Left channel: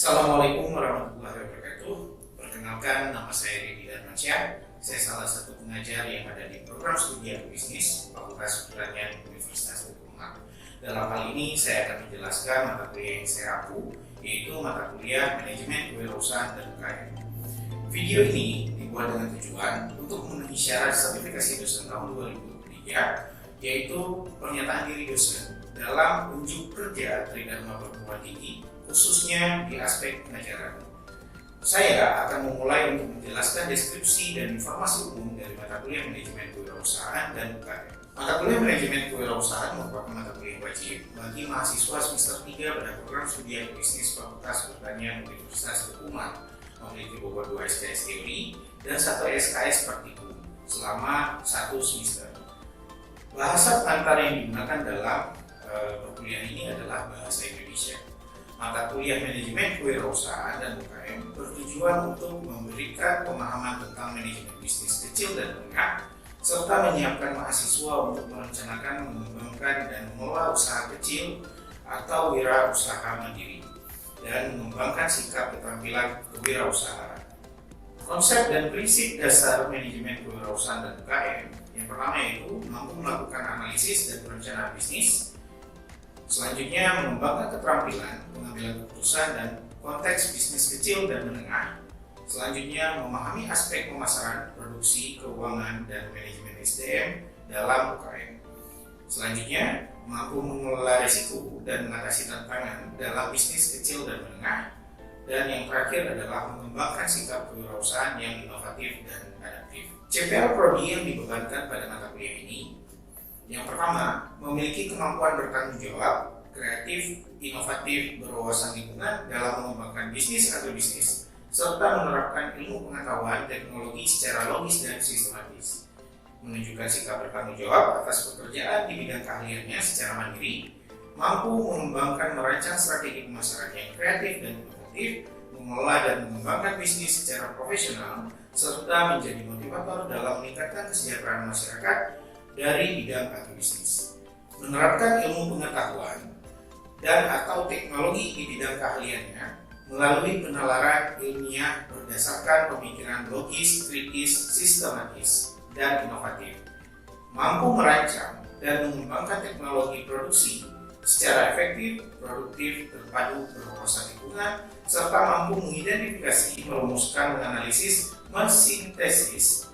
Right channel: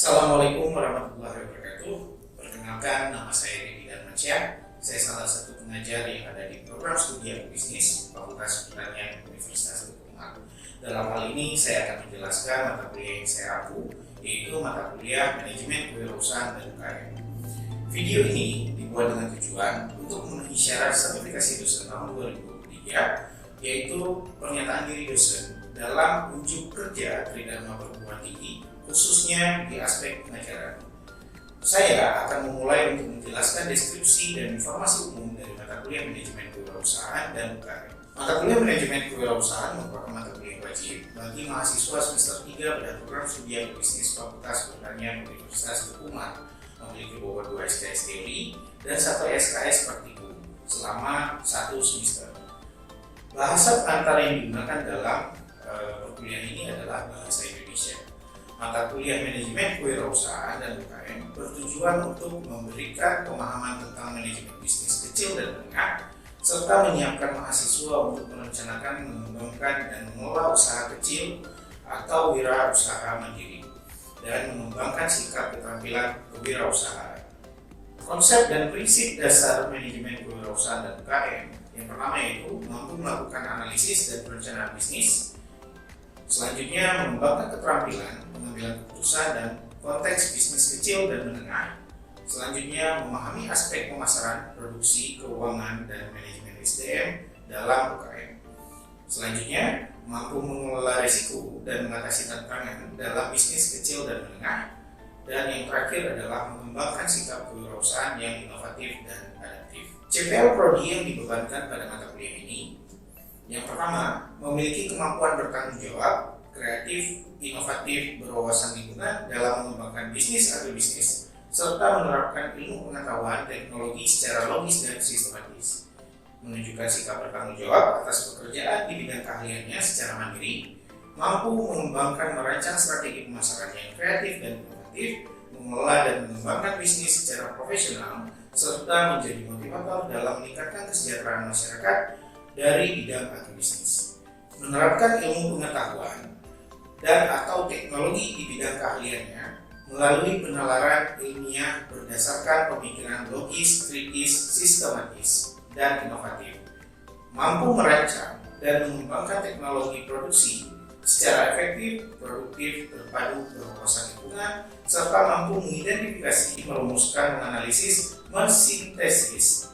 Assalamualaikum warahmatullahi wabarakatuh. Perkenalkan, nama saya Deddy Darmansyah. Saya salah satu pengajar yang ada di program studi Agrobisnis Fakultas Pertanian Universitas Bengkulu. Dalam hal ini saya akan menjelaskan mata kuliah yang saya ampu, yaitu mata kuliah Manajemen Kewirausahaan dan UKM. Video ini dibuat dengan tujuan untuk memenuhi syarat sertifikasi dosen tahun 2023, yaitu pernyataan diri dosen dalam unjuk kerja Tridharma Perguruan Tinggi, khususnya di aspek pengajaran. Saya akan memulai untuk menjelaskan deskripsi dan informasi umum dari mata kuliah Manajemen Kewirausahaan dan UKM. Mata kuliah Manajemen Kewirausahaan merupakan mata kuliah wajib bagi mahasiswa semester 3 pada program studi Agrobisnis Fakultas Pertanian Universitas Bengkulu, memiliki bobot 2 SKS teori dan 1 SKS praktikum selama 1 semester. Bahasa antara yang digunakan dalam perkuliahan ini adalah bahasa Indonesia. Mata kuliah Manajemen Kewirausahaan dan UKM bertujuan untuk memberikan pemahaman tentang manajemen bisnis kecil dan menengah, serta menyiapkan mahasiswa untuk merencanakan, mengembangkan, dan mengelola usaha kecil atau wirausaha mandiri, dan mengembangkan sikap keterampilan kewirausahaan. Konsep dan prinsip dasar manajemen kewirausahaan dan UKM yang pertama yaitu mampu melakukan analisis dan perencanaan bisnis. Selanjutnya, mengembangkan keterampilan pengambilan keputusan dan konteks bisnis kecil dan menengah. Selanjutnya, memahami aspek pemasaran, produksi, keuangan, dan manajemen SDM dalam UKM. Selanjutnya, mampu mengelola risiko dan mengatasi tantangan dalam bisnis kecil dan menengah. Dan yang terakhir adalah mengembangkan sikap kewirausahaan yang inovatif dan adaptif. CPL Prodi yang dibebankan pada mata kuliah ini: yang pertama, memiliki kemampuan bertanggung jawab, kreatif, inovatif, berwawasan lingkungan dalam mengembangkan bisnis atau bisnis, serta menerapkan ilmu pengetahuan teknologi secara logis dan sistematis. Menunjukkan sikap bertanggung jawab atas pekerjaan di bidang keahliannya secara mandiri, mampu mengembangkan merancang strategi pemasaran yang kreatif dan inovatif, mengelola dan mengembangkan bisnis secara profesional, serta menjadi motivator dalam meningkatkan kesejahteraan masyarakat dari bidang agrobisnis. Menerapkan ilmu pengetahuan dan atau teknologi di bidang keahliannya melalui penalaran ilmiah berdasarkan pemikiran logis, kritis, sistematis, dan inovatif. Mampu merancang dan mengembangkan teknologi produksi secara efektif, produktif, terpadu, berwawasan lingkungan, serta mampu mengidentifikasi, merumuskan, menganalisis, mensintesis,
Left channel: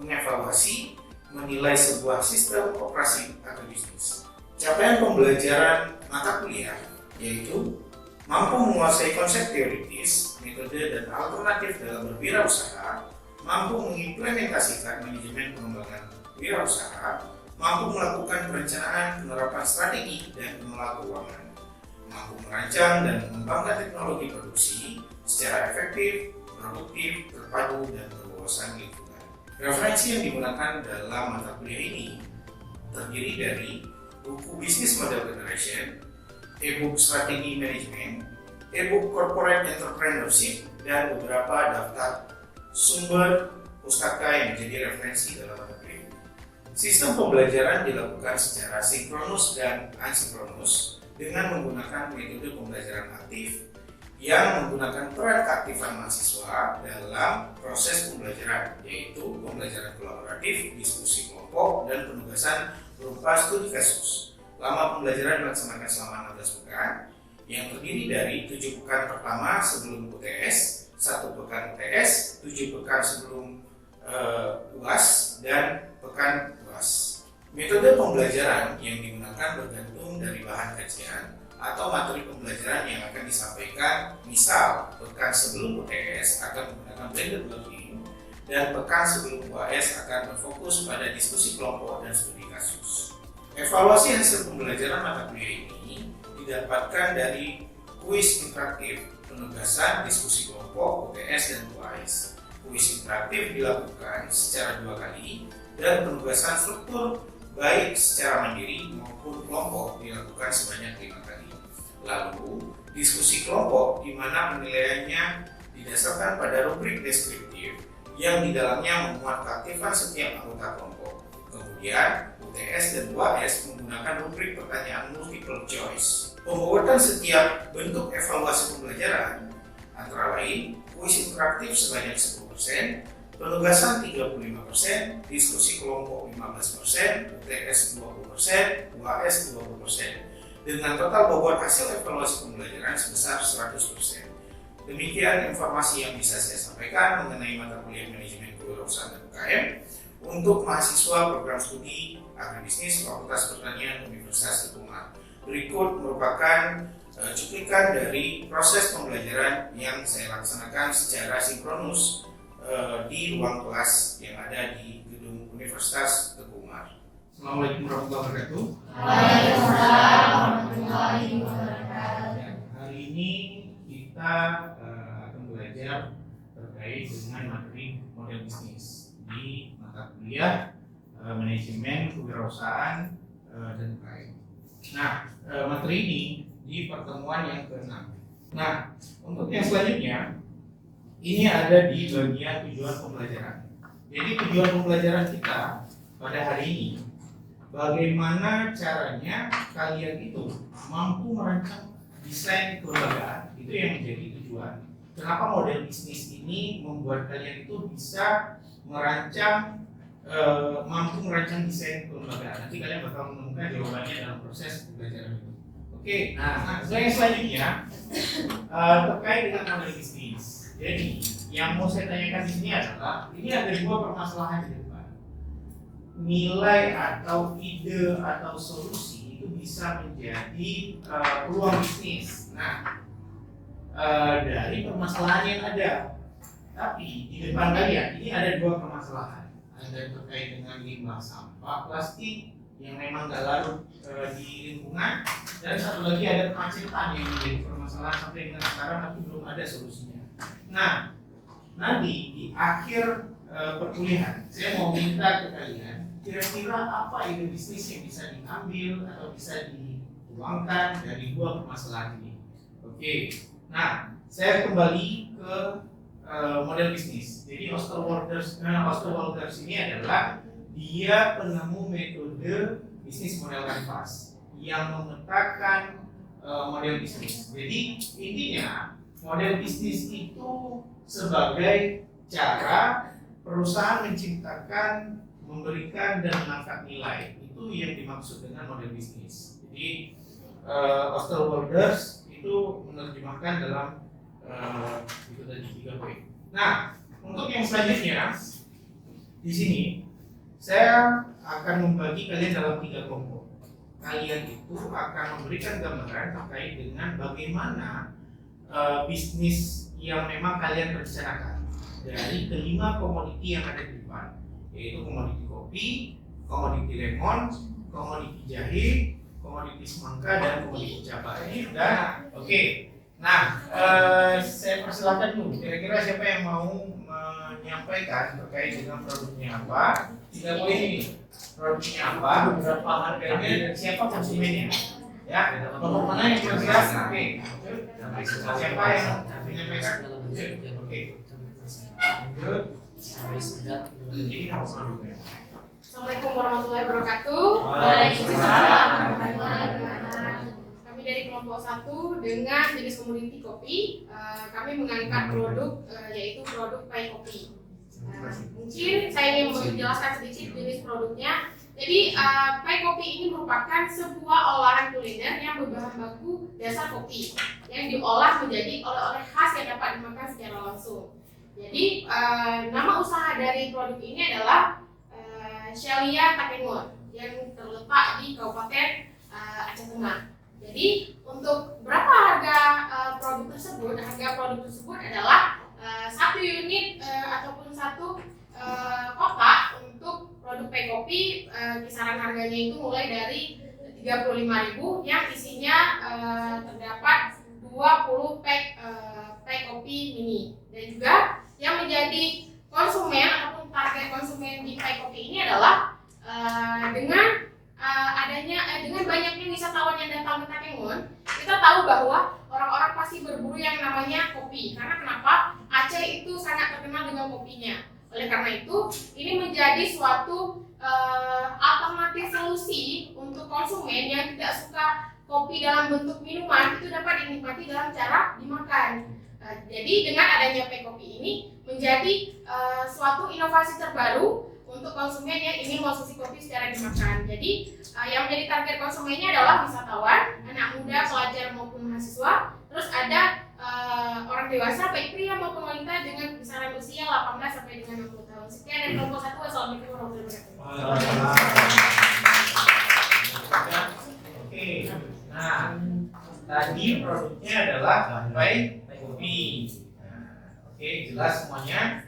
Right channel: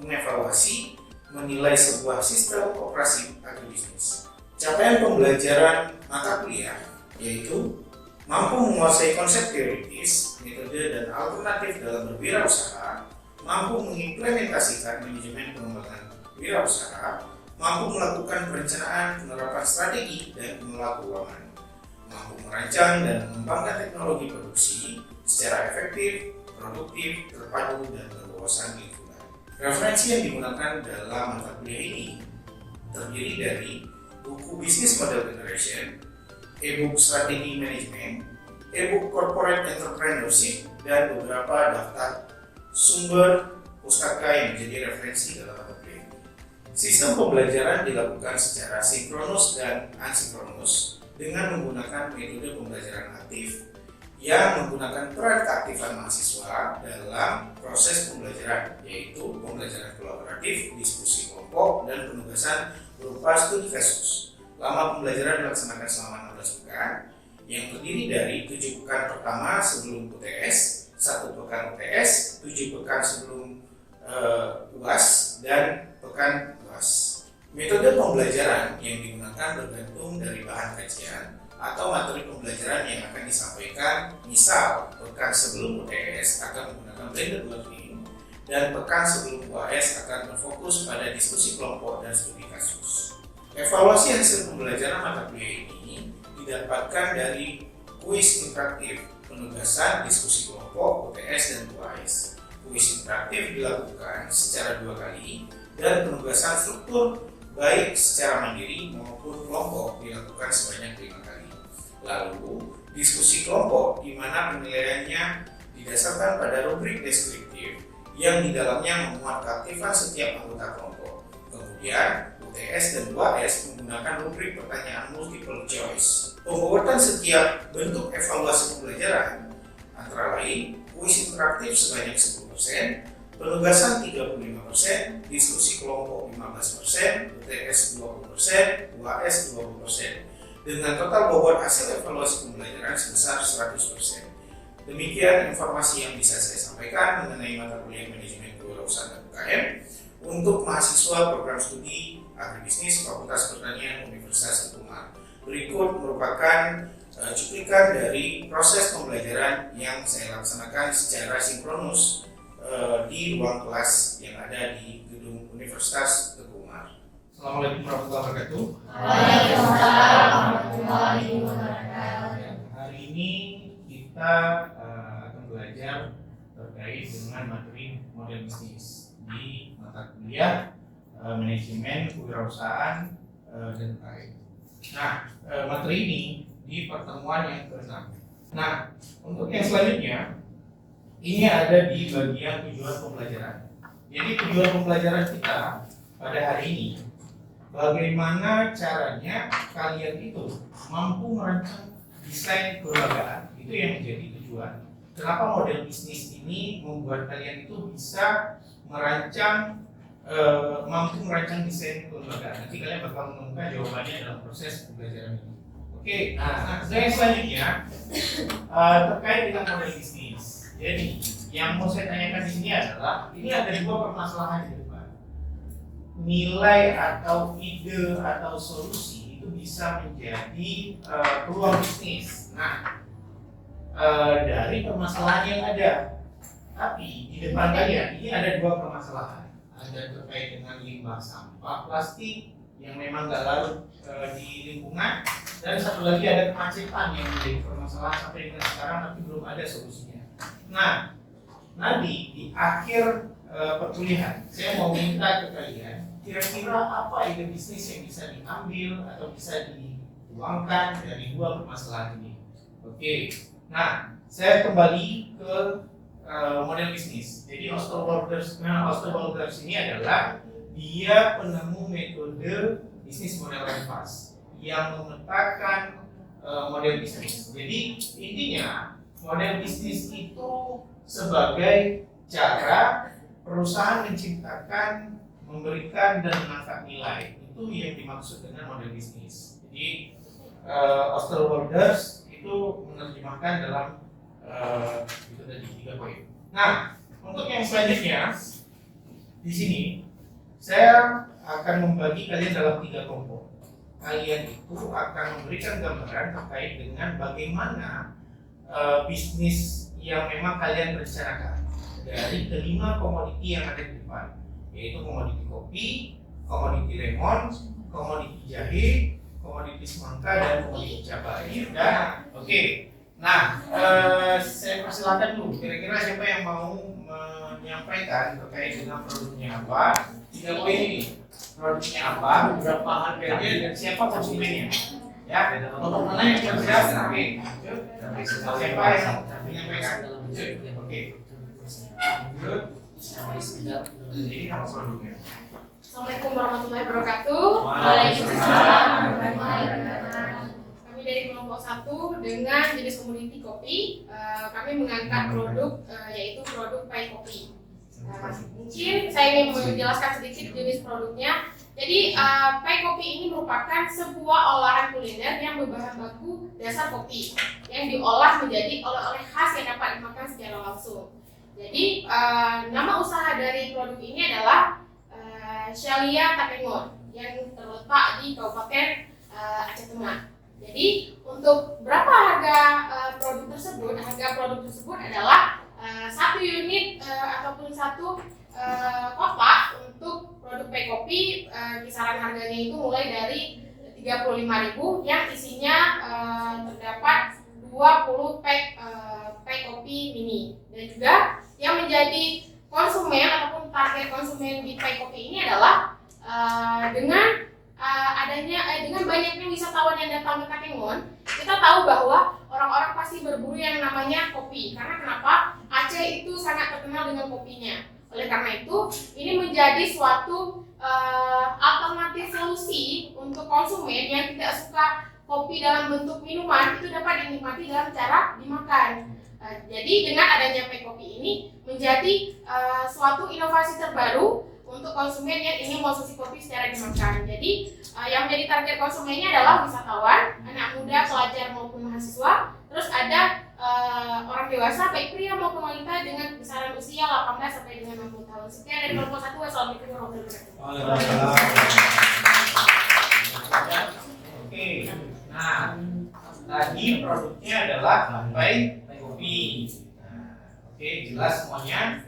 mengevaluasi, menilai sebuah sistem operasi agrobisnis. Capaian pembelajaran mata kuliah yaitu mampu menguasai konsep teoritis, metode dan alternatif dalam berwirausaha, mampu mengimplementasikan manajemen pengembangan wirausaha, mampu melakukan perencanaan, penerapan strategi dan pengelola keuangan, mampu merancang dan mengembangkan teknologi produksi secara efektif, produktif, terpadu dan berwawasan lingkungan. Referensi yang digunakan dalam mata kuliah ini terdiri dari buku Business Model Generation, e-book Strategi Manajemen, e-book Corporate Entrepreneurship, dan beberapa daftar sumber pustaka yang menjadi referensi dalam mata kuliah ini. Sistem pembelajaran dilakukan secara sinkronus dan asinkronus dengan menggunakan metode pembelajaran aktif yang menggunakan peran keaktifan mahasiswa dalam proses pembelajaran, yaitu pembelajaran kolaboratif, diskusi kelompok, dan penugasan berupa studi kasus. Lama pembelajaran dilaksanakan selama 16 pekan, yang terdiri dari 7 pekan pertama sebelum UTS, 1 pekan UTS, 7 pekan sebelum UAS, dan pekan UAS. Metode pembelajaran yang digunakan bergantung dari bahan kajian atau materi pembelajaran yang akan disampaikan. Misal, pekan sebelum UTS akan menggunakan blended learning, dan pekan sebelum UAS akan berfokus pada diskusi kelompok dan studi kasus. Evaluasi hasil pembelajaran mata kuliah ini didapatkan dari kuis interaktif, penugasan, diskusi kelompok, UTS, dan UAS. Kuis interaktif dilakukan secara 2 kali, dan penugasan struktur baik secara mandiri maupun kelompok dilakukan sebanyak 5 kali. Lalu, diskusi kelompok di mana penilaiannya didasarkan pada rubrik deskriptif yang di dalamnya memuat keaktifan setiap anggota kelompok. Kemudian, UTS dan UAS menggunakan rubrik pertanyaan multiple choice. Pembuatan setiap bentuk evaluasi pembelajaran antara lain kuis interaktif sebanyak 10%, penugasan 35%, diskusi kelompok 15%, UTS 20%, UAS 20%, dengan total bobot hasil evaluasi pembelajaran sebesar 100%. Demikian informasi yang bisa saya sampaikan mengenai mata kuliah manajemen kewirausahaan dan UKM untuk mahasiswa program studi agribisnis Fakultas Pertanian Universitas Teguh Umar. Berikut merupakan cuplikan dari proses pembelajaran yang saya laksanakan secara sinkronus di ruang kelas yang ada di gedung Universitas Teguh Umar. Assalamualaikum warahmatullahi wabarakatuh. Waalaikumsalam warahmatullahi wabarakatuh. Hari ini kita akan belajar terkait dengan materi model bisnis di mata kuliah manajemen kewirausahaan dan UKM. Nah, materi ini di pertemuan yang ke-6. Nah, untuk yang selanjutnya ini ada di bagian tujuan pembelajaran. Jadi tujuan pembelajaran kita pada hari ini, bagaimana caranya kalian itu mampu merancang desain kelembagaan, itu yang menjadi tujuan. Kenapa model bisnis ini membuat kalian itu bisa mampu merancang desain kelembagaan? Nanti kalian bakal menemukan jawabannya dalam proses pembelajaran ini. Oke, nah yang selanjutnya terkait dengan model bisnis. Jadi yang mau saya tanyakan di sini adalah, ini ada dua permasalahan di depan. Nilai atau ide atau solusi itu bisa menjadi peluang bisnis. Nah, dari permasalahan yang ada, tapi di depan kalian ini ada dua permasalahan. Ada terkait dengan limbah sampah plastik yang memang nggak larut di lingkungan, dan satu lagi ada kemacetan yang menjadi permasalahan sampai dengan sekarang tapi belum ada solusinya. Nah, nanti di akhir perkuliahan saya mau minta ke kalian kira-kira apa ide bisnis yang bisa diambil atau bisa dituangkan dari dua permasalahan ini. Oke, nah saya kembali ke model bisnis. Jadi Osterwalders ini adalah dia penemu metode bisnis model canvas yang memetakan model bisnis. Jadi intinya model bisnis itu sebagai cara perusahaan menciptakan, memberikan dan menangkap nilai. Itu yang dimaksud dengan model bisnis. Jadi Osterwalders itu menerjemahkan dalam itu tadi 3 poin. Nah, untuk yang selanjutnya di sini saya akan membagi kalian dalam 3 kelompok. Kalian itu akan memberikan gambaran terkait dengan bagaimana bisnis yang memang kalian rencanakan dari kelima komoditi yang ada di depan, yaitu komoditi kopi, komoditi lemon, komoditi jahe, komoditi semangka, dan komoditi cabai. Dan oke. Nah, saya persilakan dulu. Kira-kira siapa yang mau menyampaikan terkait dengan produknya apa? 3 poin ini. Produknya apa? Berapa harganya? Dan siapa konsumennya? Ya. Untuk mana yang cerdas? Oke. Siapa yang menyampaikan? Oke. Jadi apa produknya? Assalamualaikum warahmatullahi wabarakatuh. Waalaikumsalam. Kami dari kelompok 1 dengan jenis komoditi kopi, kami mengangkat produk yaitu produk pai kopi. Mungkin saya ingin menjelaskan sedikit jenis produknya. Jadi pai kopi ini merupakan sebuah olahan kuliner yang berbahan baku dasar kopi yang diolah menjadi oleh-oleh khas yang dapat dimakan secara langsung. Jadi nama usaha dari produk ini adalah Shelia Takengon yang terletak di Kabupaten Aceh Tengah. Jadi untuk berapa harga produk tersebut? Harga produk tersebut adalah 1 unit ataupun 1 kotak untuk produk pai kopi, kisaran harganya itu mulai dari 35.000 yang isinya terdapat 20 pack pai kopi mini. Dan juga yang menjadi konsumen ataupun target konsumen di pai kopi ini adalah dengan banyaknya wisatawan yang datang ke Takengon, kita tahu bahwa orang-orang pasti berburu yang namanya kopi. Karena kenapa? Aceh itu sangat terkenal dengan kopinya. Oleh karena itu, ini menjadi suatu alternatif solusi untuk konsumen yang tidak suka kopi dalam bentuk minuman itu dapat dinikmati dalam cara dimakan. Jadi dengan adanya Pay Kopi ini menjadi suatu inovasi terbaru untuk konsumen yang ingin konsumsi kopi secara dimakan. Jadi yang menjadi target konsumennya adalah wisatawan, anak muda, pelajar maupun mahasiswa. Terus ada orang dewasa baik pria maupun wanita dengan kisaran usia 18 sampai dengan 60 tahun. Sekian dari kelompok 1. Wassalamualaikum warahmatullahi wabarakatuh. Oke. Nah, tadi produknya adalah Pay Kopi. Oke, jelas semuanya,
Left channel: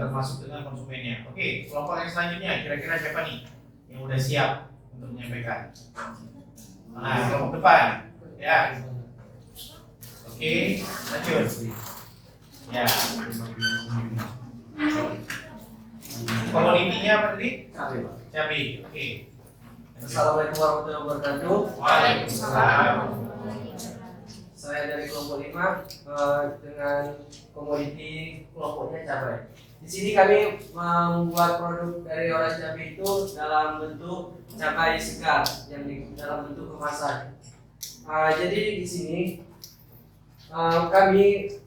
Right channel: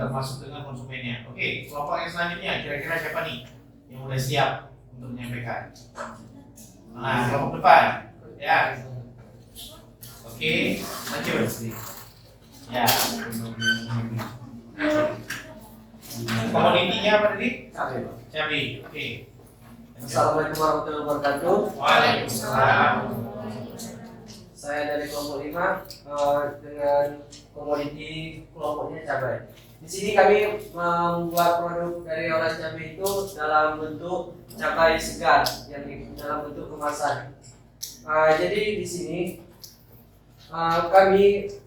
termasuk dengan konsumennya. Oke, kelompok yang selanjutnya kira-kira siapa nih yang udah siap untuk menyampaikan? Nah, kelompok depan, ya. Oke, lanjut. Ya. Kalau intinya apa tadi? Cabai. Oke. Assalamualaikum warahmatullahi wabarakatuh. Waalaikumsalam. Saya dari kelompok 5 dengan komoditi kelompoknya cabai. Di sini kami membuat produk dari olahan cabai itu dalam bentuk cabai segar yang dalam bentuk kemasan. Jadi di sini kami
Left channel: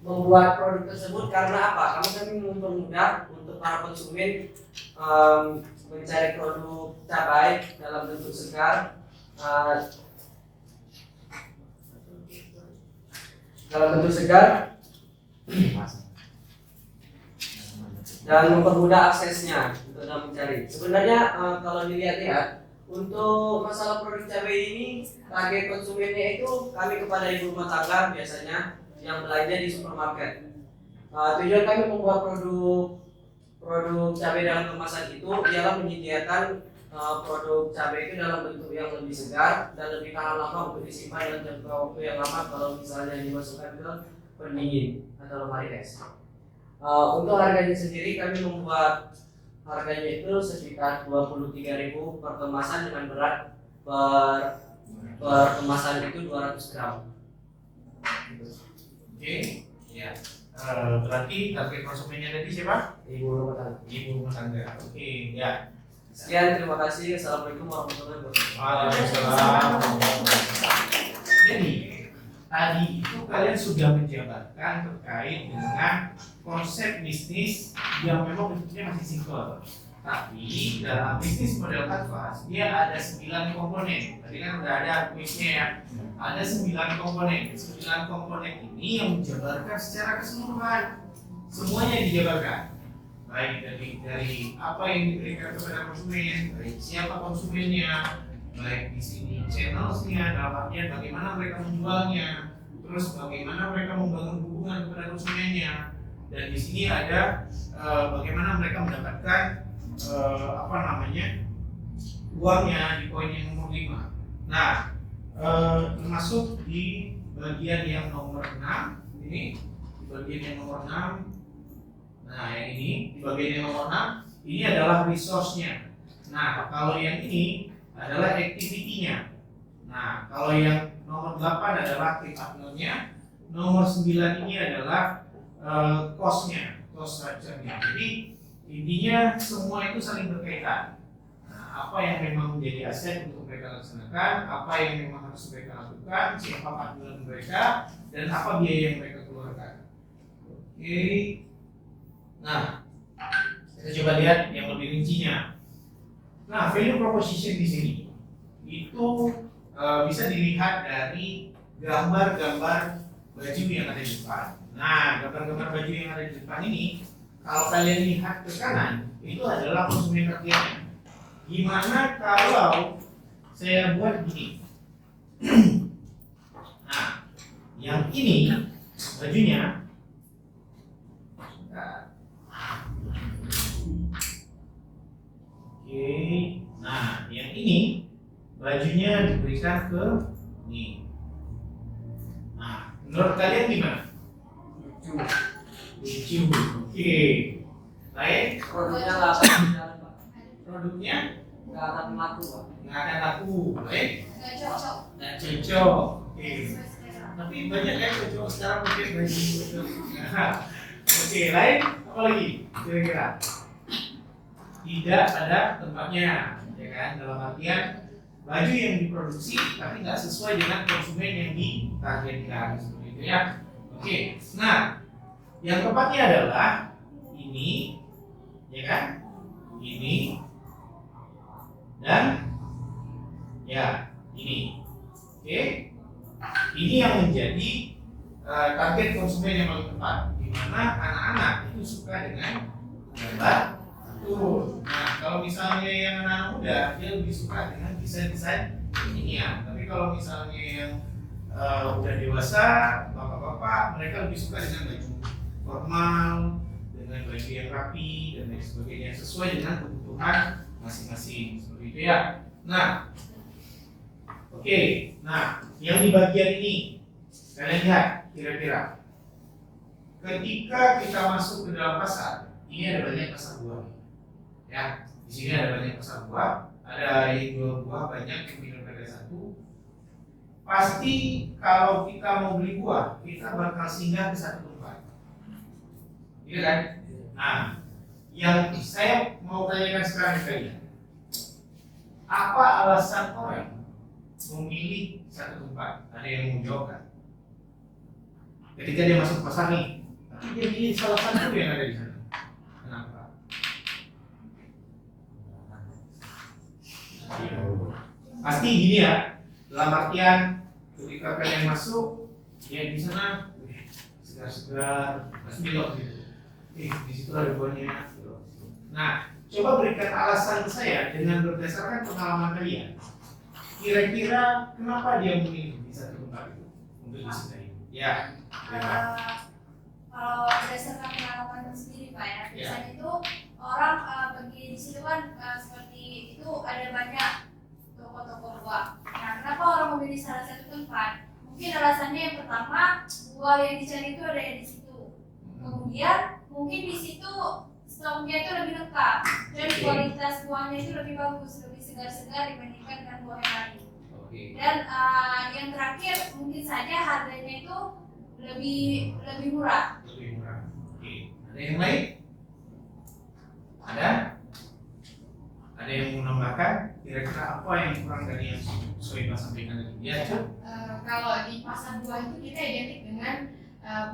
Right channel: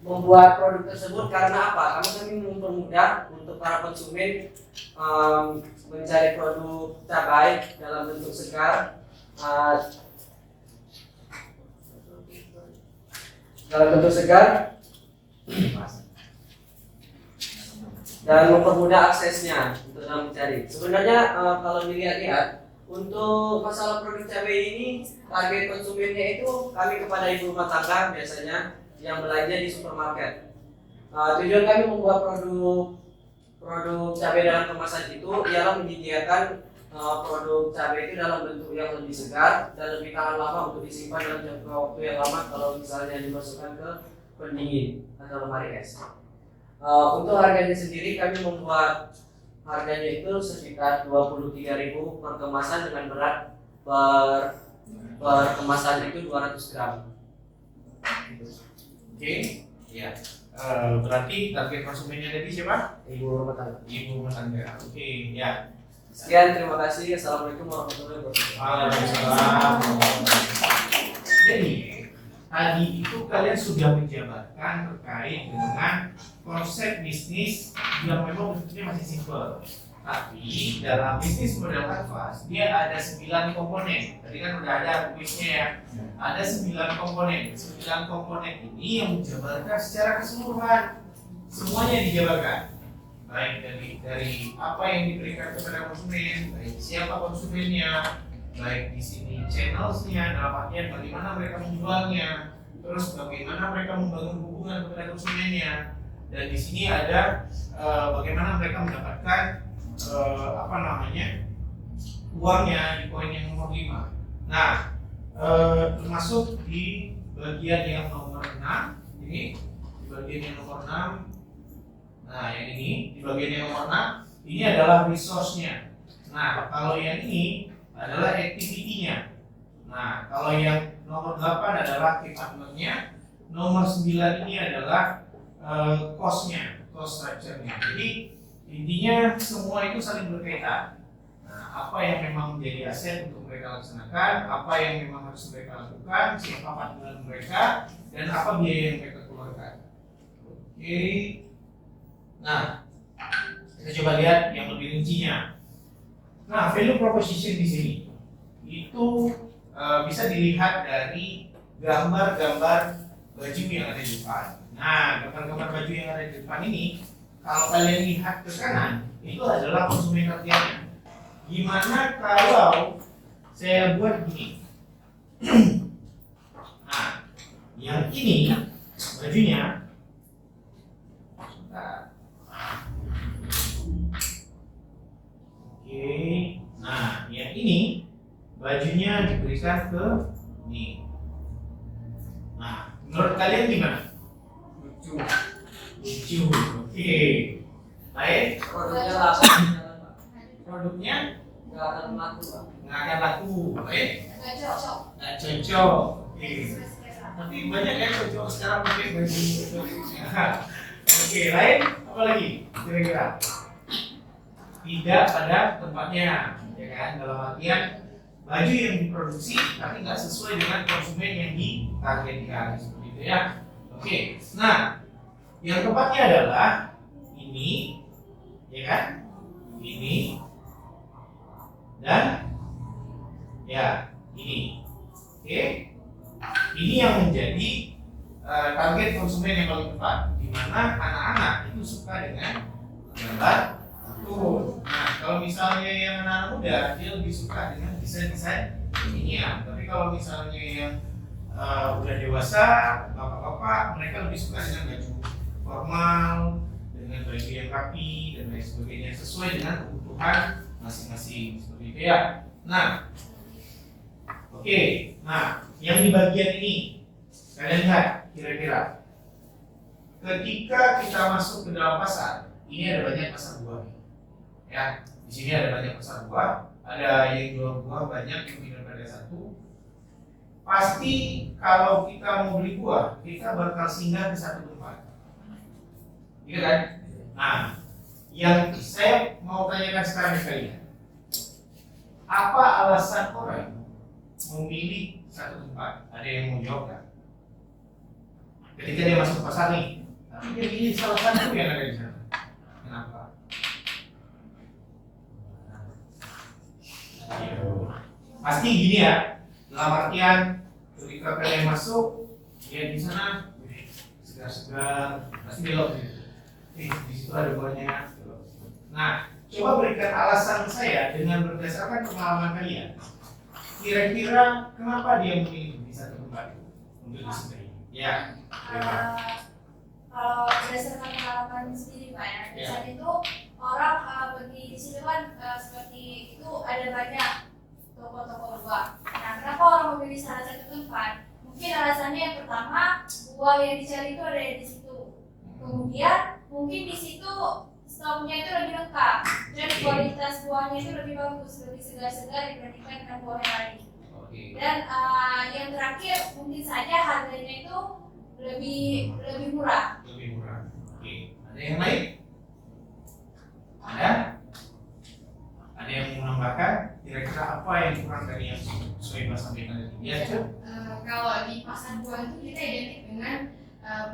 membuat produk tersebut karena apa? Karena kami mempermudah untuk para konsumen mencari produk cabai dalam bentuk segar, dan mempermudah aksesnya untuk dalam mencari. Sebenarnya kalau dilihat-lihat untuk masalah produk cabai ini target konsumennya itu kami kepada ibu rumah tangga biasanya yang belanja di supermarket. Tujuan kami membuat produk cabai dalam kemasan itu ialah menyediakan produk cabai itu dalam bentuk yang lebih segar dan lebih tahan lama untuk disimpan dalam jangka waktu yang lama kalau misalnya dimasukkan ke pendingin atau lemari es. Untuk harganya sendiri kami membuat harganya itu sekitar 23.000 per kemasan dengan berat per kemasan itu 200 gram. Oke, ya. Berarti target konsumennya tadi siapa? Ibu rumah tangga. Ibu rumah tangga. Oke, ya. Sekian, terima kasih. Assalamualaikum warahmatullahi wabarakatuh. Waalaikumsalam. Jadi tadi itu kalian sudah menjabarkan terkait dengan konsep bisnis yang memang bentuknya masih simpel. Tapi dalam bisnis model kanvas dia ada 9 komponen. Tadi kan udah ada kuisnya ya. Ada 9 komponen. 9 komponen ini yang menjabarkan secara keseluruhan. Semuanya dijabarkan. Baik dari apa yang diberikan kepada konsumen, baik siapa konsumennya, baik di sini channelsnya, dalam artian bagaimana mereka menjualnya, terus bagaimana mereka membangun hubungan kepada konsumennya, dan di sini ada bagaimana mereka mendapatkan uangnya di poin yang nomor 5. Nah, termasuk di bagian yang nomor 6 ini, di bagian yang nomor 6. Nah, yang ini di bagian yang nomor 6 ini adalah resource-nya. Nah, kalau yang ini adalah activity-nya. Nah, kalau yang nomor 8 adalah key partner-nya. Nomor 9 ini adalah cost-nya, cost structure-nya. Jadi intinya semua itu saling berkaitan. Nah, apa yang memang menjadi aset untuk mereka laksanakan, apa yang memang harus mereka lakukan, siapa partner mereka, dan apa biaya yang mereka keluarkan. Oke. Nah, kita coba lihat yang lebih rincinya. Nah, value proposition di sini itu bisa dilihat dari gambar-gambar baju yang ada di depan. Nah, gambar-gambar baju yang ada di depan ini, kalau kalian lihat ke kanan, itu adalah konsumen tertiapnya. Gimana kalau saya buat gini? Nah, yang ini bajunya. Oke, nah yang ini bajunya diberikan ke ini. Nah, menurut kalian gimana? Lucu. Oke. Baik. Produknya nggak akan jalan, Pak. Produknya Nggak akan laku, Pak. nggak akan laku. Baik. Nggak cocok. Nggak cocok. Oke. Tapi banyak yang cocok sekarang pakai baju. Oke, lain apa lagi? Kira-kira tidak pada tempatnya, ya kan? Dalam artian baju yang diproduksi tapi nggak sesuai dengan konsumen yang ditargetkan, seperti itu ya. Oke, nah yang keempatnya adalah ini, ya kan? Ini dan ya ini. Oke, ini yang menjadi target konsumen yang paling tepat, di mana anak-anak itu suka dengan gambar kartun. Nah, kalau misalnya yang anak muda dia lebih suka dengan desain-desain kekinian. Tapi kalau misalnya yang udah dewasa, bapak-bapak, mereka lebih suka dengan baju formal, dengan baju yang rapi dan lain sebagainya, sesuai dengan kebutuhan masing-masing, seperti itu ya. Nah, oke, nah yang di bagian ini kalian lihat kira-kira ketika kita masuk ke dalam pasar, ini ada banyak pasar buah ya. Di sini ada banyak pasar buah, ada yang jual buah banyak yang tinggal harga satu. Pasti kalau kita mau beli buah, kita bakal singgah ke satu tempat, iya kan? Nah, yang saya mau tanyakan sekarang ke kalian, apa alasan orang memilih satu tempat? Ada yang mau jawab kan? Ketika dia masuk pasar nih, tapi dia pilih salah satu yang ada di sana. Kenapa? Pasti gini ya, dalam artian ketika kalian masuk, dia di sana segar-segar, masih belok gitu. Di situ ada buahnya. Nah, coba berikan alasan ke saya dengan berdasarkan pengalaman kalian. Kira-kira kenapa dia memilih di satu tempat itu untuk di sini? Ya. Kalau berdasarkan pengalaman sendiri Pak ya, biasanya itu orang pergi di situ kan seperti itu ada banyak toko-toko buah. Nah, kenapa orang memilih salah satu tempat? Mungkin alasannya yang pertama, buah yang dicari itu ada di situ. Kemudian mungkin di situ stoknya itu lebih lengkap dan kualitas buahnya itu lebih bagus, lebih segar-segar dibandingkan dengan buah yang lain. Dan yang terakhir mungkin saja harganya itu lebih murah. Lebih murah. Oke. Ada yang lain? Ada? Ada yang mau menambahkan? Kira-kira apa yang kurang dari yang sesuai Mas sampaikan tadi? Ya, Cuk. Kalau di pasar buah itu kita identik dengan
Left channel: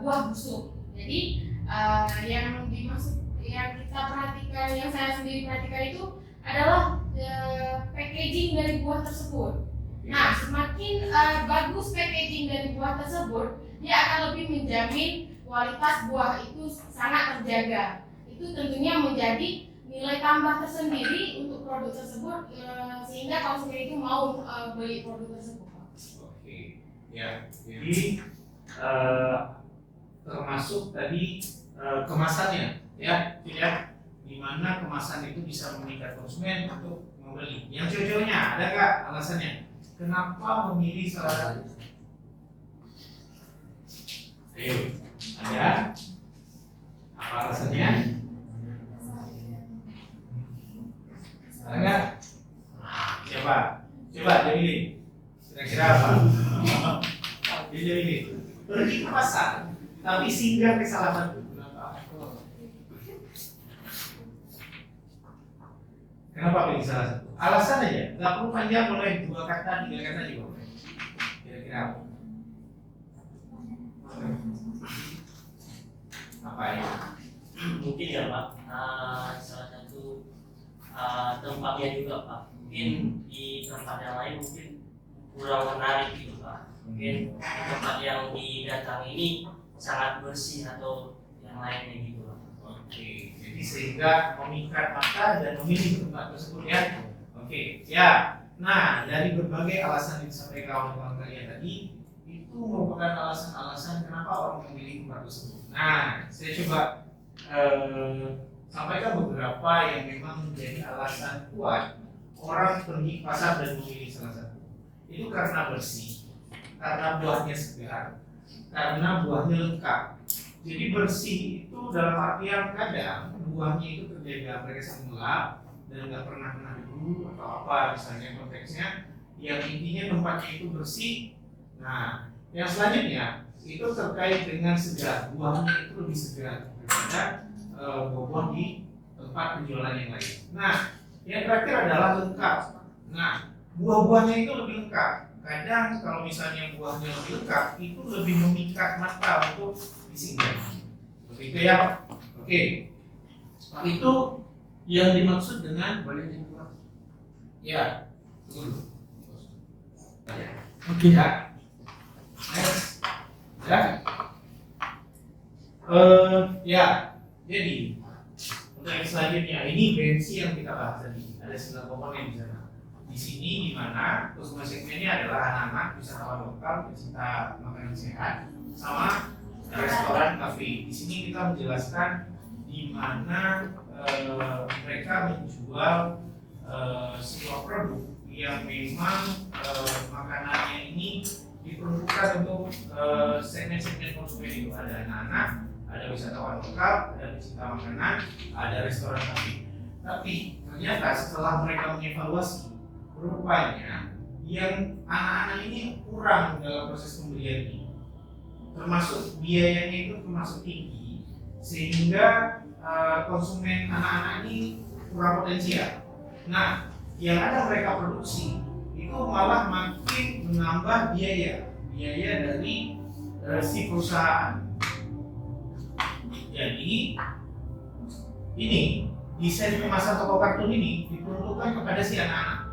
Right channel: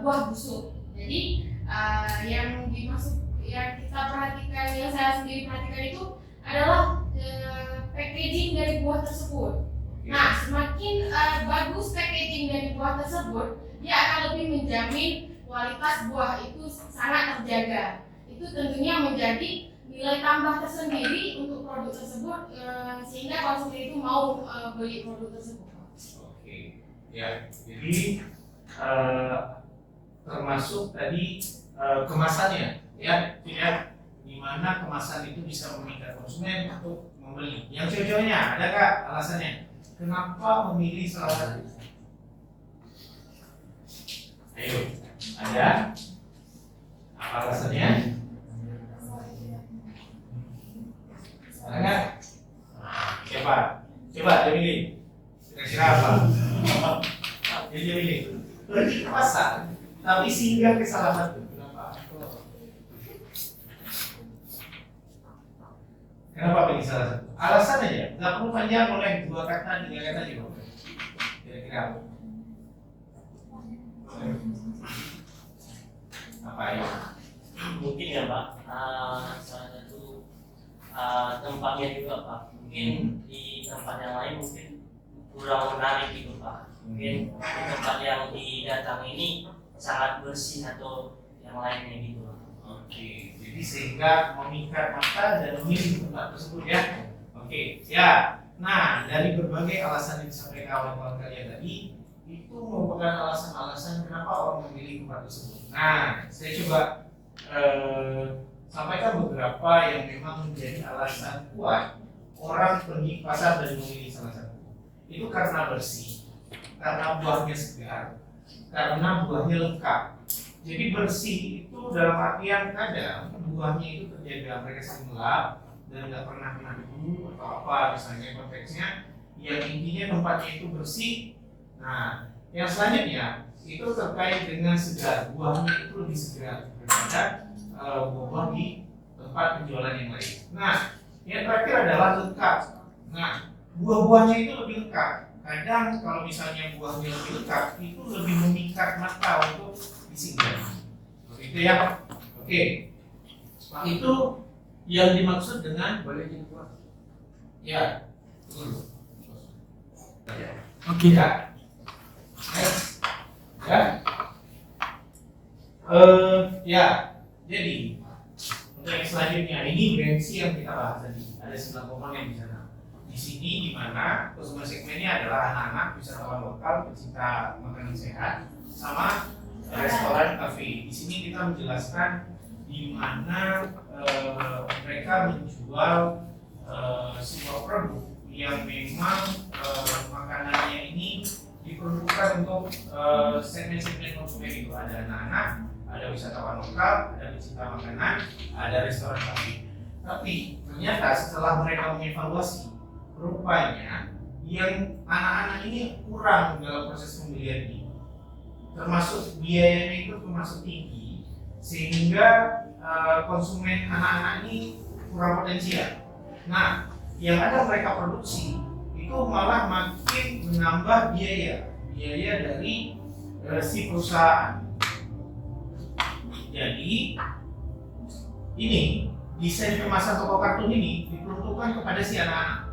buah busuk. Jadi yang dimaksud, yang kita perhatikan, yang saya sendiri perhatikan itu adalah packaging dari buah tersebut. Nah, semakin bagus packaging dari buah tersebut, dia akan lebih menjamin kualitas buah itu sangat terjaga. Itu tentunya menjadi nilai tambah tersendiri untuk produk tersebut, sehingga konsumen itu mau beli produk tersebut. Oke, ya. Jadi termasuk tadi kemasannya, ya, tidak, di mana kemasan itu bisa memikat konsumen untuk membeli. Yang cowok-cowoknya, ada nggak alasannya? Kenapa memilih salah satu? Ayo, ada? Apa alasannya? Ada nggak? Siapa? Coba Jamili. Kira-kira apa? Jadi Jamili. Pergi ke pasar, tapi singgah ke salah satu. Kenapa? Kenapa pilih salah satu? Alasan aja, nggak perlu panjang, boleh 2 kata, 3 kata juga. Kira-kira apa? Apa ya? Mungkin ya Pak, salah satu tempatnya juga Pak. Mungkin di tempat yang lain mungkin kurang menarik gitu Pak. Mungkin di tempat yang didatang ini sangat bersih atau yang lainnya gitu Pak. Oke, jadi sehingga memikat mata dan memilih tempat tersebut ya. Oke, ya. Nah, dari berbagai alasan yang disampaikan kawan-kawan kalian tadi, itu merupakan alasan-alasan kenapa orang memilih tempat tersebut. Nah, saya coba sampaikan beberapa yang memang menjadi alasan kuat orang pergi ke pasar dan memilih salah satu. Itu karena bersih, karena buahnya segar, karena buahnya lengkap. Jadi bersih itu dalam artian kadang buahnya itu terjaga, mereka gelap dan nggak pernah kena debu atau apa misalnya konteksnya. Yang intinya tempatnya itu bersih. Nah, yang selanjutnya itu terkait dengan segar, buahnya itu lebih segar daripada buah-buah di tempat penjualan yang lain. Nah, yang terakhir adalah lengkap. Nah, buah-buahnya itu lebih lengkap. Kadang kalau misalnya buahnya lebih lengkap, itu lebih memikat mata untuk disinggah. Seperti itu ya. Oke. Itu yang dimaksud dengan boleh dibuat. Ya. Tunggu. Oke ya. Next. Ya. Ya. Jadi untuk yang selanjutnya ini bensi yang kita bahas tadi. Ada 9 komponen di sana. Di sini di mana konsumen segmennya adalah anak-anak, wisatawan lokal, pecinta makanan sehat, sama restoran, kafe. Di sini kita menjelaskan di mana mereka menjual sebuah produk yang memang makanannya ini diperuntukkan untuk segmen-segmen konsumen itu. Ada anak-anak, ada wisatawan lokal, ada pecinta makanan, ada restoran, kafe. Tapi ternyata setelah mereka mengevaluasi, rupanya yang anak-anak ini kurang dalam proses pembelian ini, termasuk biayanya itu termasuk tinggi, sehingga konsumen anak-anak ini kurang potensial. Nah, yang ada mereka produksi itu malah makin menambah biaya dari si perusahaan. Jadi ini desain kemasan toko kartun ini diperuntukkan kepada si anak-anak.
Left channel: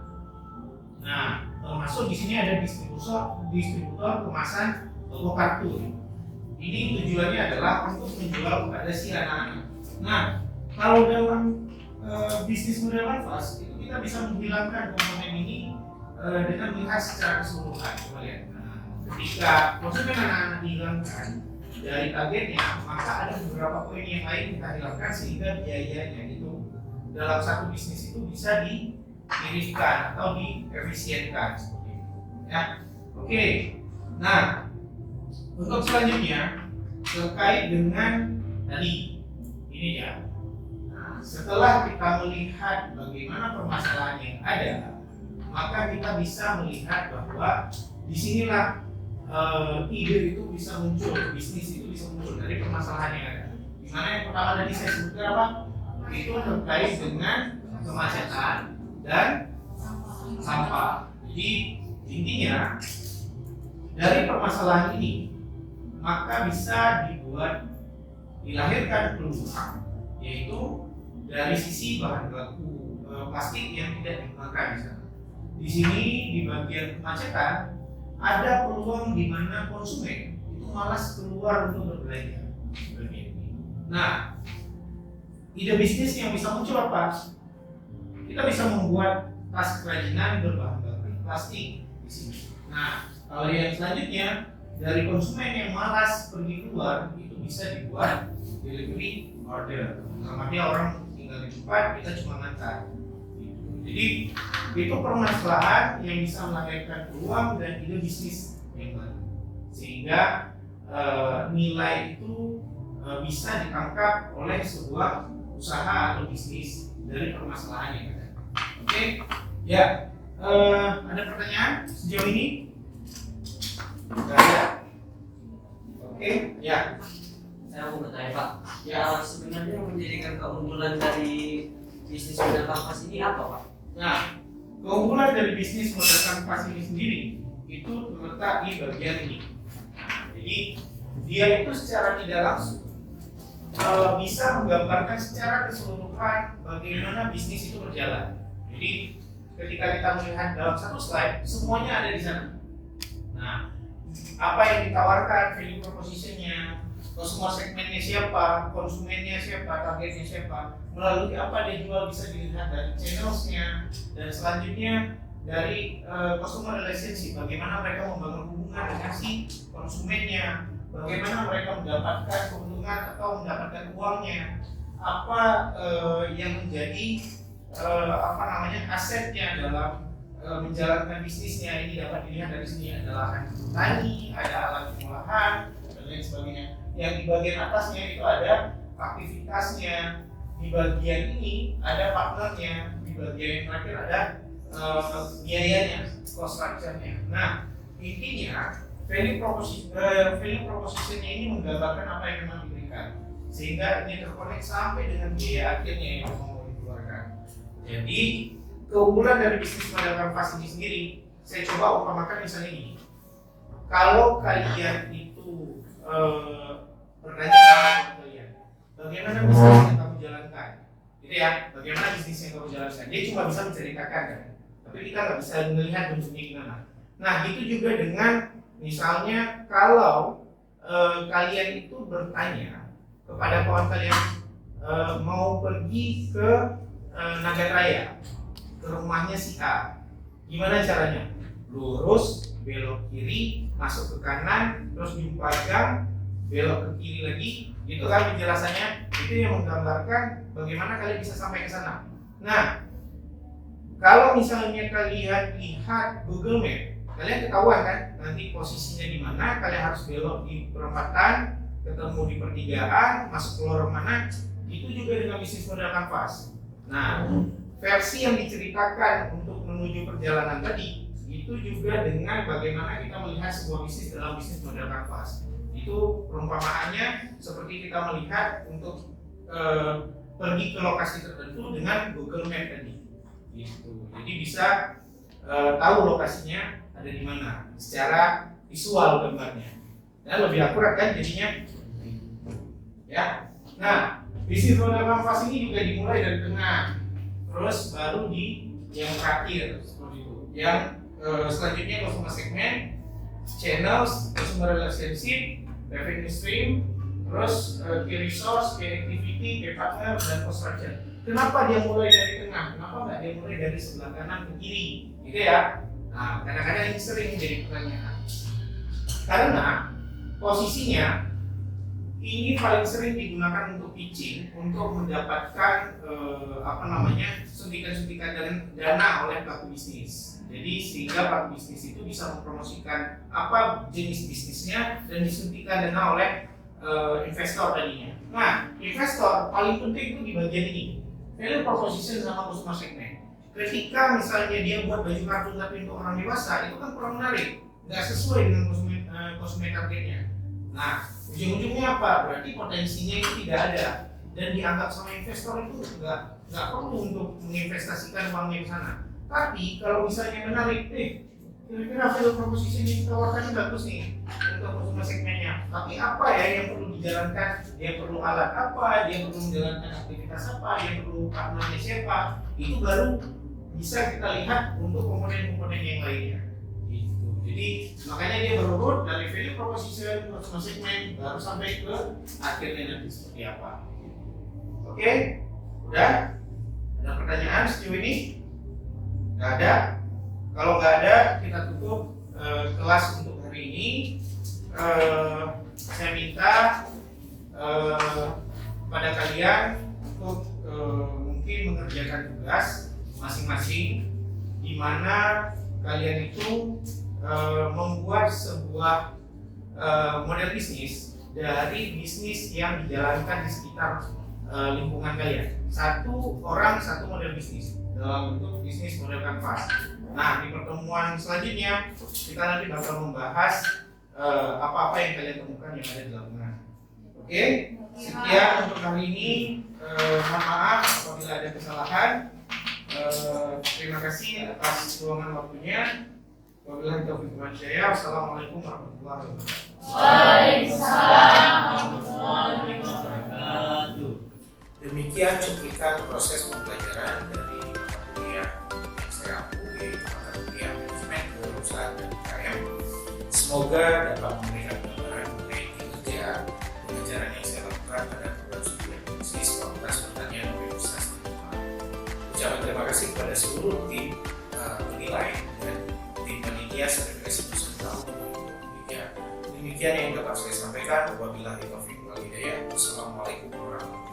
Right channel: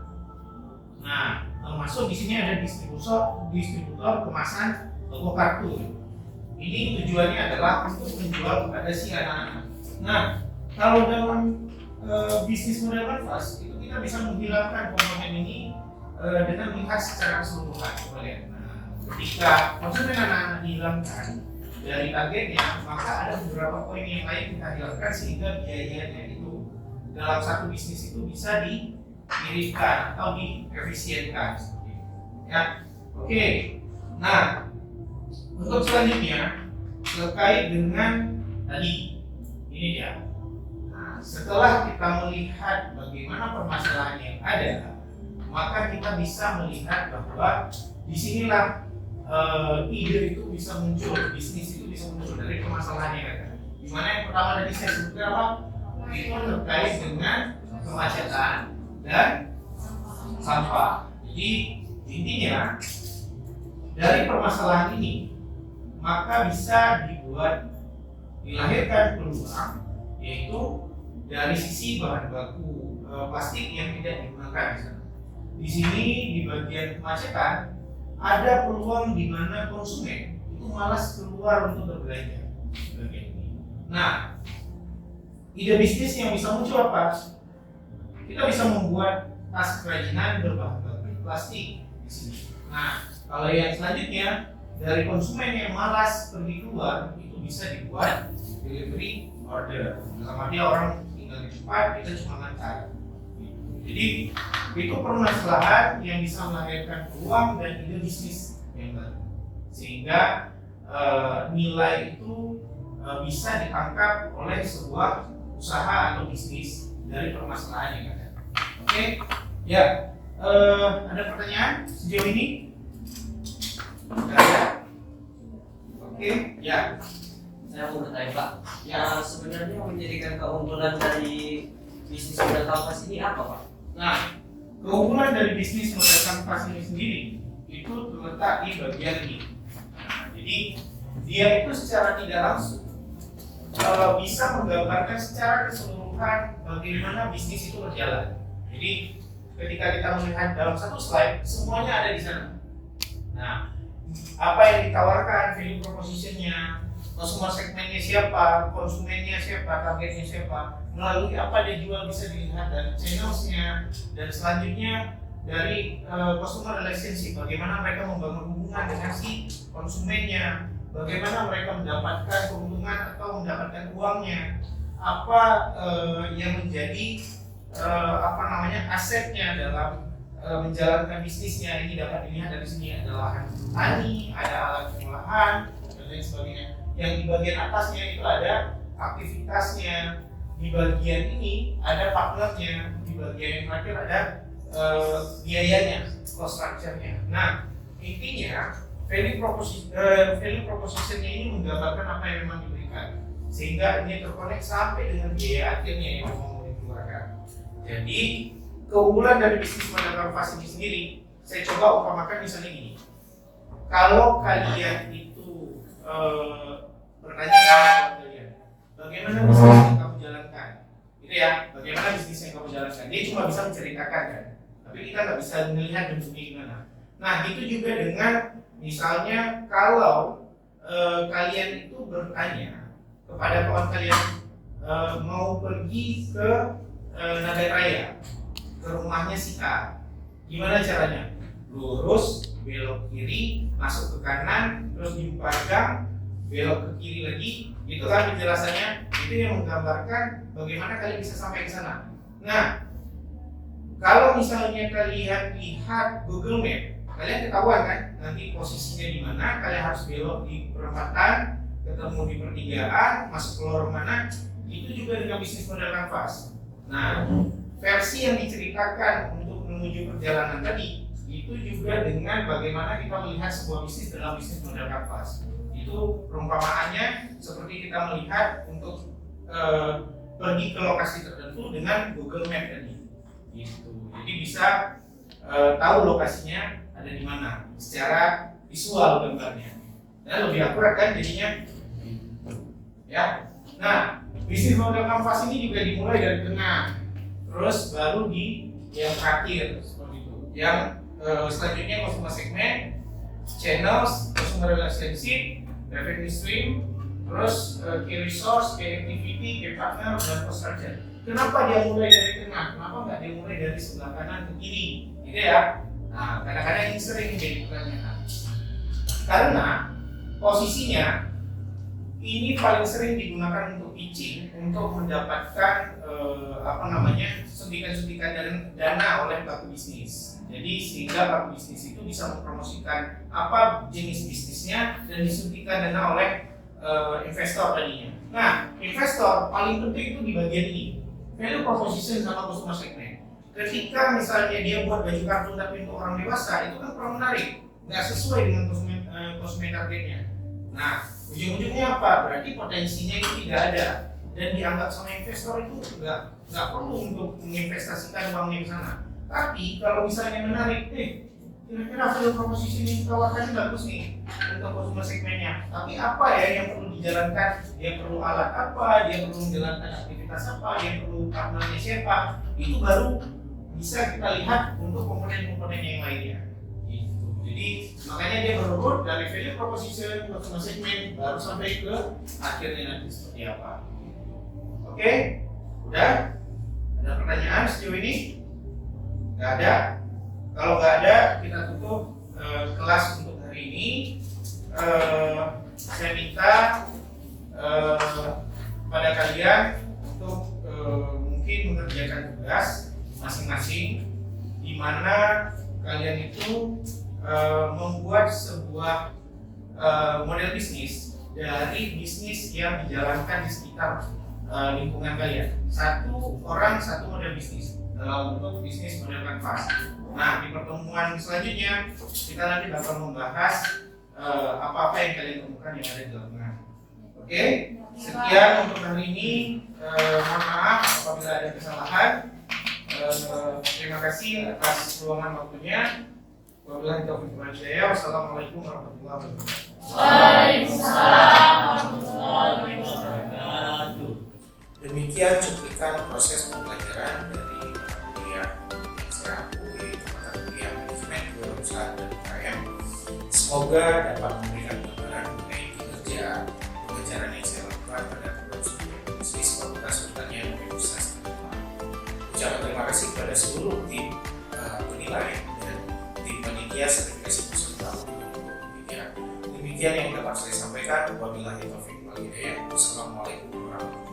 Nah, termasuk di sini ada distributor kemasan toko kartun. Ini tujuannya adalah untuk menjual kepada si anak-anak. Nah, kalau dalam bisnis model manfaat itu kita bisa menghilangkan komponen ini dengan melihat secara keseluruhan. Coba lihat. Ketika konsumen anak-anak dihilangkan dari targetnya, maka ada beberapa poin yang lain kita hilangkan sehingga biayanya itu dalam satu bisnis itu bisa diirinkan atau diefisienkan seperti itu. Ya, oke. Nah, untuk selanjutnya terkait dengan tadi ini dia. Nah, setelah kita melihat bagaimana permasalahan yang ada, maka kita bisa melihat bahwa disinilah ide itu bisa muncul, bisnis itu bisa muncul dari permasalahan yang ada. Dimana yang pertama tadi saya sebutkan apa? Itu terkait dengan kemacetan dan sampah. Jadi intinya dari permasalahan ini maka bisa dilahirkan peluang, yaitu dari sisi bahan baku plastik yang tidak digunakan misalnya. Di sini di bagian kemacetan ada peluang di mana konsumen itu malas keluar untuk berbelanja bagian ini. Nah, ide bisnis yang bisa muncul apa? Kita bisa membuat tas kerajinan berbahan baku plastik di sini. Nah, kalau yang selanjutnya dari konsumen yang malas pergi keluar itu bisa dibuat delivery order. Sama dia orang tinggal di tempat, kita cuma ngantar. Jadi itu permasalahan yang bisa melahirkan peluang dan ide bisnis yang baru, sehingga nilai itu bisa ditangkap oleh sebuah usaha atau bisnis dari permasalahan yang ada. Oke, ya. Ada pertanyaan sejauh ini? Ada? Oke, ya. Saya mau bertanya Pak, Ya. sebenarnya menjadikan keunggulan dari bisnis model kanvas ini apa Pak? Nah, keunggulan dari bisnis model kanvas ini sendiri itu terletak di bagian ini. Nah, jadi dia itu secara tidak langsung bisa menggambarkan secara keseluruhan bagaimana bisnis itu berjalan. Jadi ketika kita melihat dalam satu slide, semuanya ada di sana. Nah, apa yang ditawarkan, value proposition-nya, consumer segmennya siapa, konsumennya siapa, targetnya siapa, melalui apa dia jual bisa dilihat dari channels-nya, dan selanjutnya dari customer relationship, bagaimana mereka membangun hubungan dengan si konsumennya, bagaimana mereka mendapatkan keuntungan atau mendapatkan uangnya, apa yang menjadi asetnya dalam menjalankan bisnisnya. Ini dapat dilihat dari sini, ada lahan tani, ada alat pengolahan, dan lain sebagainya. Yang di bagian atasnya itu ada aktivitasnya, di bagian ini ada partnernya, di bagian yang terakhir ada biayanya, cost structure-nya. Nah, intinya value proposition-nya ini menggambarkan apa yang memang diberikan, sehingga ini terkonek sampai dengan biaya akhirnya yang mau dikeluarkan. Jadi keunggulan dari bisnis model kanvas ini sendiri, saya coba umpamakan misalnya gini. Kalau kalian itu bertanya kepada kalian, bagaimana bisnis yang kamu jalankan? Gitu ya, bagaimana bisnis yang kamu jalankan? Dia cuma bisa menceritakan kan, tapi kita nggak bisa melihat bentuknya gimana. Nah, itu juga dengan misalnya kalau kalian itu bertanya kepada kawan kalian mau pergi ke Nagaraya, ke rumahnya si A, gimana caranya? Lurus, belok kiri, masuk ke kanan, terus dibuka gang, belok ke kiri lagi, itu kan penjelasannya. Itu yang menggambarkan bagaimana kalian bisa sampai ke sana. Nah, kalau misalnya kalian lihat Google Map, kalian ketahuan kan nanti posisinya di mana, kalian harus belok di perempatan, ketemu di pertigaan, masuk ke lorong mana. Itu juga dengan bisnis model kanvas. Nah, versi yang diceritakan untuk menuju perjalanan tadi itu juga dengan bagaimana kita melihat sebuah bisnis dalam bisnis model kanvas. Itu perumpamaannya seperti kita melihat untuk pergi ke lokasi tertentu dengan Google Map tadi. Gitu. Jadi bisa tahu lokasinya ada di mana secara visual gambarnya. Ya, lebih akurat kan jadinya. Ya. Nah, bisnis model kanvas ini juga dimulai dari tengah, terus baru di yang terakhir seperti itu. Yang selanjutnya customer segment, channels, customer relationship, revenue stream, terus key resource, key activity, key partner, dan cost structure. Kenapa dia mulai dari tengah? Kenapa nggak dia mulai dari sebelah kanan ke kiri? Gitu ya. Nah, kadang-kadang ini sering menjadi pertanyaan. Karena posisinya ini paling sering digunakan untuk pitching, untuk mendapatkan suntikan-suntikan dana oleh pelaku bisnis. Jadi sehingga pelaku bisnis itu bisa mempromosikan apa jenis bisnisnya dan disuntikan dana oleh investor tadinya. Nah, investor paling penting itu di bagian ini, value proposition sama customer segment. Ketika misalnya dia buat baju kartun tapi untuk orang dewasa, itu kan kurang menarik, nggak sesuai dengan konsumen targetnya. Nah, ujung-ujungnya apa? Berarti potensinya itu tidak ada dan dianggap sama investor itu nggak perlu untuk menginvestasikan uangnya ke sana. Tapi kalau misalnya menarik, kira-kira value proposition yang ditawarkan bagus nih untuk consumer segmennya. Tapi apa ya yang perlu dijalankan? Dia perlu alat apa? Dia perlu menjalankan aktivitas apa? Dia perlu partnernya siapa? Itu baru bisa kita lihat untuk komponen-komponen yang lainnya. Gitu. Jadi makanya dia berurut dari value proposition, consumer segment, baru sampai ke akhirnya nanti seperti apa. Oke? Udah? Ada pertanyaan sejauh ini? Nggak ada? Kalau nggak ada, kita tutup kelas untuk hari ini. Saya minta pada kalian untuk mungkin mengerjakan tugas masing-masing, di mana kalian itu membuat sebuah model bisnis dari bisnis yang dijalankan di sekitar lingkungan kalian. Satu orang satu model bisnis dalam bentuk bisnis model kanvas. Nah, di pertemuan selanjutnya kita nanti bakal membahas apa-apa yang kalian temukan yang ada di lapangan. Oke? Sekian untuk hari ini. Mohon maaf apabila ada kesalahan. Terima kasih atas luangan waktunya. Wabillahi taufiq wal hidayah. Wassalamualaikum warahmatullahi wabarakatuh. Waalaikumsalam warahmatullahi wabarakatuh. Demikian cuplikan proses pembelajaran dari kuliah yang saya ambil, mata kuliah manajemen perusahaan dan UKM. Semoga dapat memberikan gambaran mengenai kinerja pengajaran yang saya lakukan pada program studi bisnis Fakultas Pertanian Universitas Ternate. Ucapan terima kasih kepada seluruh tim penilai dan tim panitia sertifikasi peserta tahun 2023. Demikian yang dapat saya sampaikan. Wabillahi taufiq wal hidayah. Wassalamualaikum warahmatullahi wabarakatuh.